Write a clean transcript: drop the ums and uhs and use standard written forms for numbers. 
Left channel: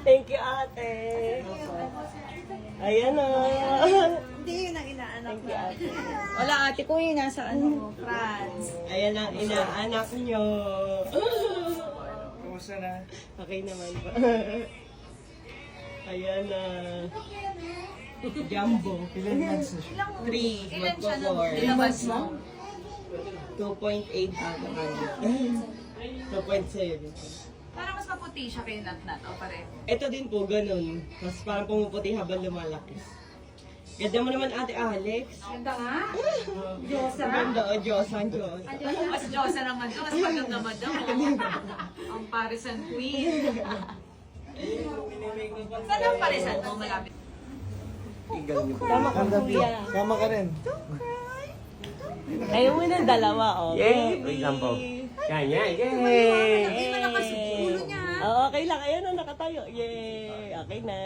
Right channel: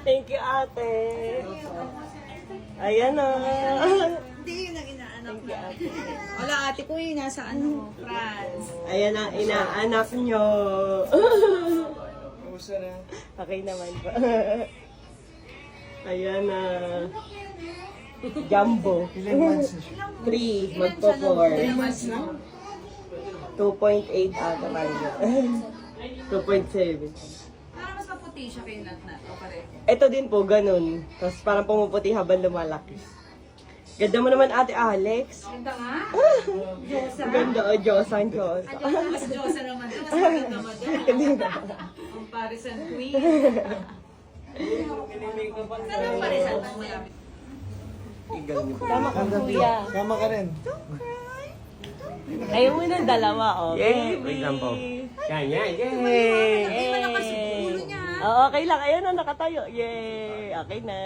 Thank you, ate. Ayan o. Hindi yun ang inaanak Thank you, na. ate. Wala ate ko yun, nasa France. Ayan ang inaanak nyo. Kamusta na? Okay naman po. Ayan na. Jumbo. Ilan months na siya? 3. Ilan siya nung Magpo-4. nilabas mo? 2.8 ata kanya. 2.7. Parang mas maputi siya kay Nat-Nat. O pareho. Ito din po, ganun. Tapos parang pumuputi habang lumalaki. Ganda mo naman, Ate Alex. Ganda nga. Diyosa. Ganda o, Diyosan, Diyos. Mas Diyosa naman doon. Mas maganda madam. Ang Parisan Queen. Saan ang Parisan mo? Malapit. Tama ka, kuya. Kama ka rin. Ayaw mo ng dalawa, oh. Yay! Wait lang po. Yan, yan, yay! Hindi malakas yung ulo niya. Oo, okay lang. Ayun na, nakatayo. Yay! Okay na.